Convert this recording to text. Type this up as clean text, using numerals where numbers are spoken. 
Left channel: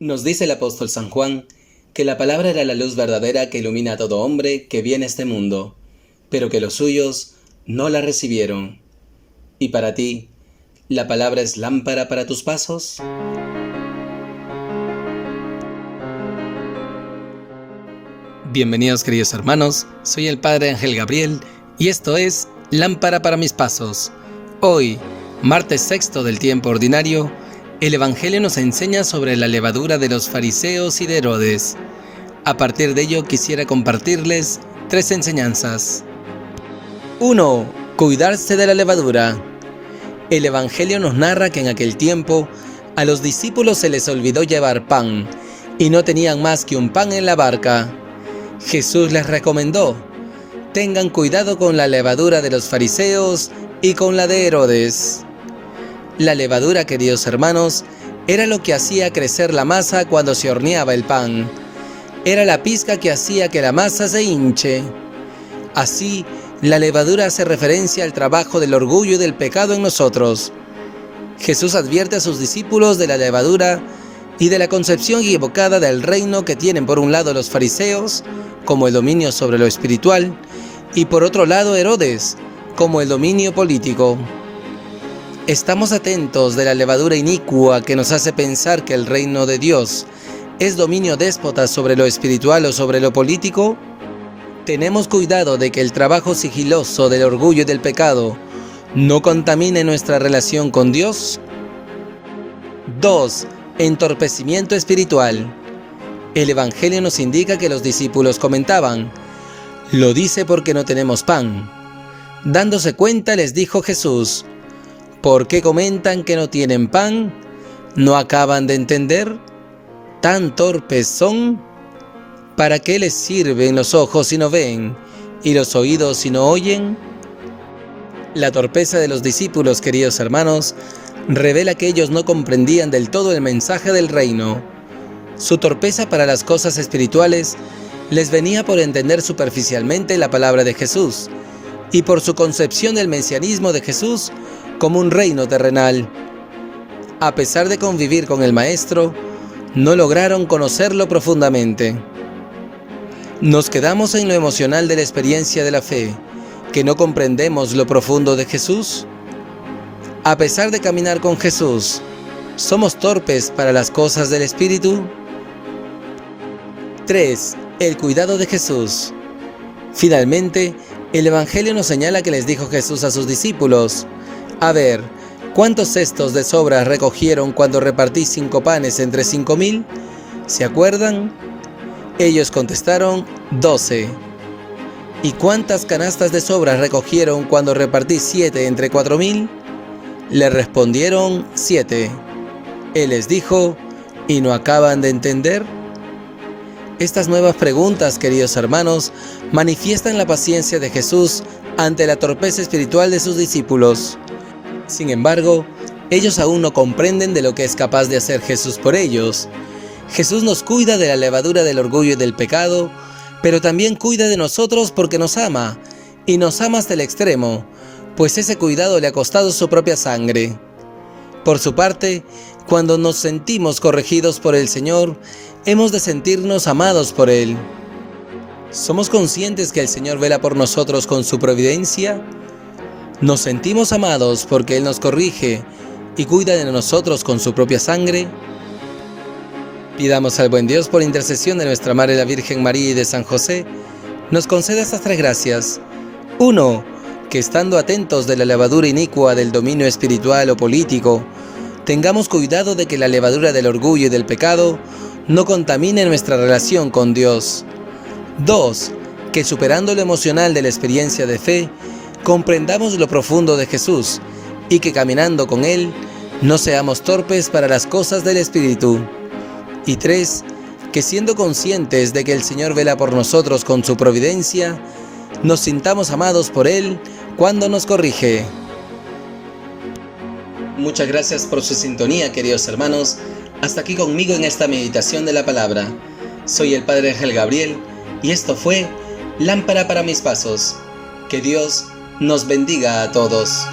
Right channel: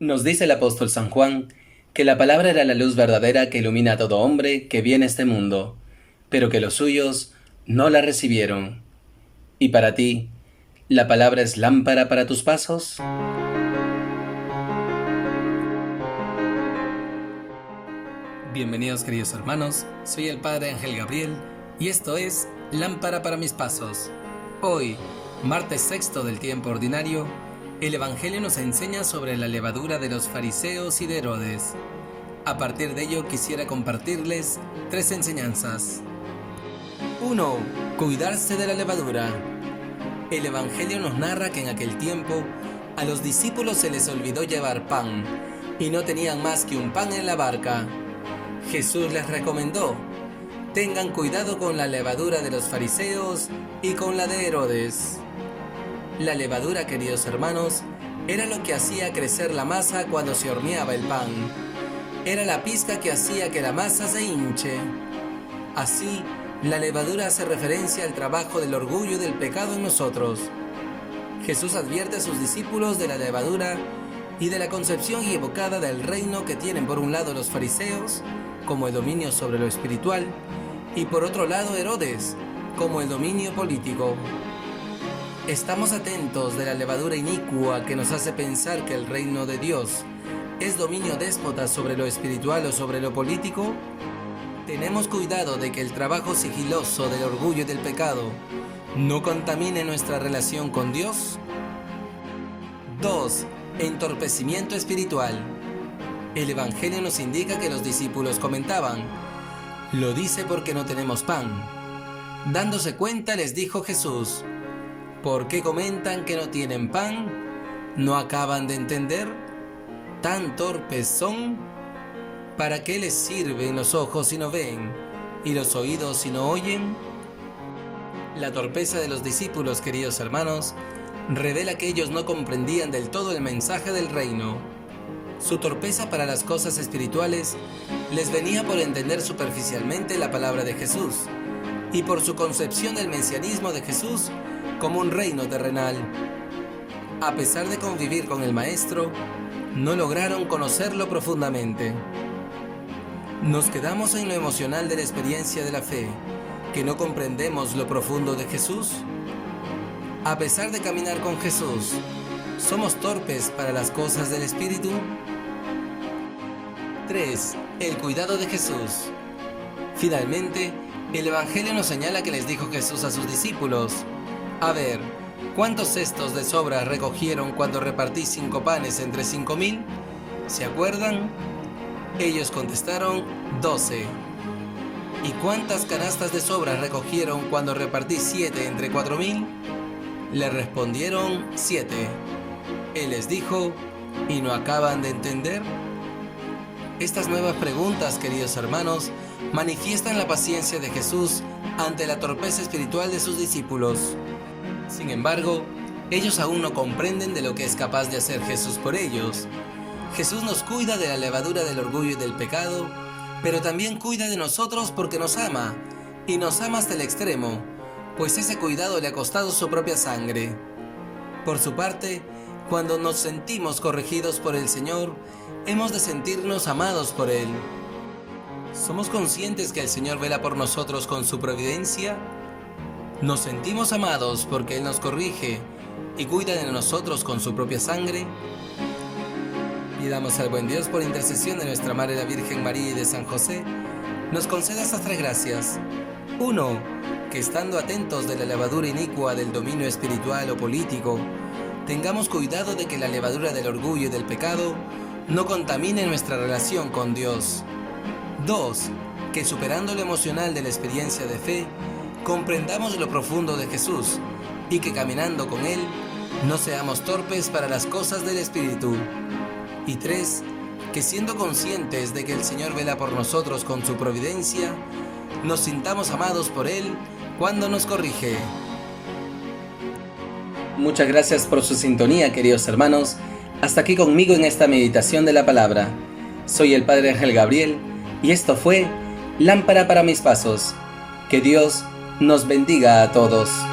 Nos dice el apóstol San Juan que la palabra era la luz verdadera que ilumina a todo hombre que viene a este mundo, pero que los suyos no la recibieron. ¿Y para ti, la palabra es lámpara para tus pasos? Bienvenidos, queridos hermanos, soy el Padre Ángel Gabriel y esto es Lámpara para mis pasos. Hoy, martes sexto del tiempo ordinario, el Evangelio nos enseña sobre la levadura de los fariseos y de Herodes. A partir de ello quisiera compartirles 3 enseñanzas. 1. Cuidarse de la levadura. El Evangelio nos narra que en aquel tiempo a los discípulos se les olvidó llevar pan y no tenían más que un pan en la barca. Jesús les recomendó: tengan cuidado con la levadura de los fariseos y con la de Herodes. La levadura, queridos hermanos, era lo que hacía crecer la masa cuando se horneaba el pan. Era la pizca que hacía que la masa se hinche. Así, la levadura hace referencia al trabajo del orgullo y del pecado en nosotros. Jesús advierte a sus discípulos de la levadura y de la concepción equivocada del reino que tienen por un lado los fariseos, como el dominio sobre lo espiritual, y por otro lado Herodes, como el dominio político. ¿Estamos atentos de la levadura inicua que nos hace pensar que el reino de Dios es dominio déspota sobre lo espiritual o sobre lo político? ¿Tenemos cuidado de que el trabajo sigiloso del orgullo y del pecado no contamine nuestra relación con Dios? 2. Entorpecimiento espiritual. El Evangelio nos indica que los discípulos comentaban: lo dice porque no tenemos pan. Dándose cuenta, les dijo Jesús: ¿por qué comentan que no tienen pan? ¿No acaban de entender? ¿Tan torpes son? ¿Para qué les sirven los ojos si no ven y los oídos si no oyen? La torpeza de los discípulos, queridos hermanos, revela que ellos no comprendían del todo el mensaje del reino. Su torpeza para las cosas espirituales les venía por entender superficialmente la palabra de Jesús y por su concepción del mesianismo de Jesús como un reino terrenal. A pesar de convivir con el Maestro, no lograron conocerlo profundamente. Nos quedamos en lo emocional de la experiencia de la fe, que no comprendemos lo profundo de Jesús. A pesar de caminar con Jesús, ¿somos torpes para las cosas del Espíritu? 3. El cuidado de Jesús. Finalmente, el Evangelio nos señala que les dijo Jesús a sus discípulos: a ver, ¿cuántos cestos de sobras recogieron cuando repartí 5 panes entre 5.000? ¿Se acuerdan? Ellos contestaron: 12. ¿Y cuántas canastas de sobras recogieron cuando repartí 7 entre 4.000? Le respondieron: 7. Él les dijo: ¿y no acaban de entender? Estas nuevas preguntas, queridos hermanos, manifiestan la paciencia de Jesús ante la torpeza espiritual de sus discípulos. Sin embargo, ellos aún no comprenden de lo que es capaz de hacer Jesús por ellos. Jesús nos cuida de la levadura del orgullo y del pecado, pero también cuida de nosotros porque nos ama, y nos ama hasta el extremo, pues ese cuidado le ha costado su propia sangre. Por su parte, cuando nos sentimos corregidos por el Señor, hemos de sentirnos amados por Él. ¿Somos conscientes que el Señor vela por nosotros con su providencia? ¿Nos sentimos amados porque Él nos corrige y cuida de nosotros con su propia sangre? Pidamos al buen Dios, por intercesión de nuestra Madre la Virgen María y de San José, nos conceda estas 3 gracias. 1. Que estando atentos de la levadura inicua del dominio espiritual o político, tengamos cuidado de que la levadura del orgullo y del pecado no contamine nuestra relación con Dios. 2. Que superando lo emocional de la experiencia de fe, comprendamos lo profundo de Jesús y que caminando con Él no seamos torpes para las cosas del Espíritu. Y 3. Que siendo conscientes de que el Señor vela por nosotros con su providencia, nos sintamos amados por Él cuando nos corrige. Muchas gracias por su sintonía, queridos hermanos. Hasta aquí conmigo en esta meditación de la palabra. Soy el Padre Ángel Gabriel y esto fue Lámpara para mis pasos. Que Dios nos bendiga a todos.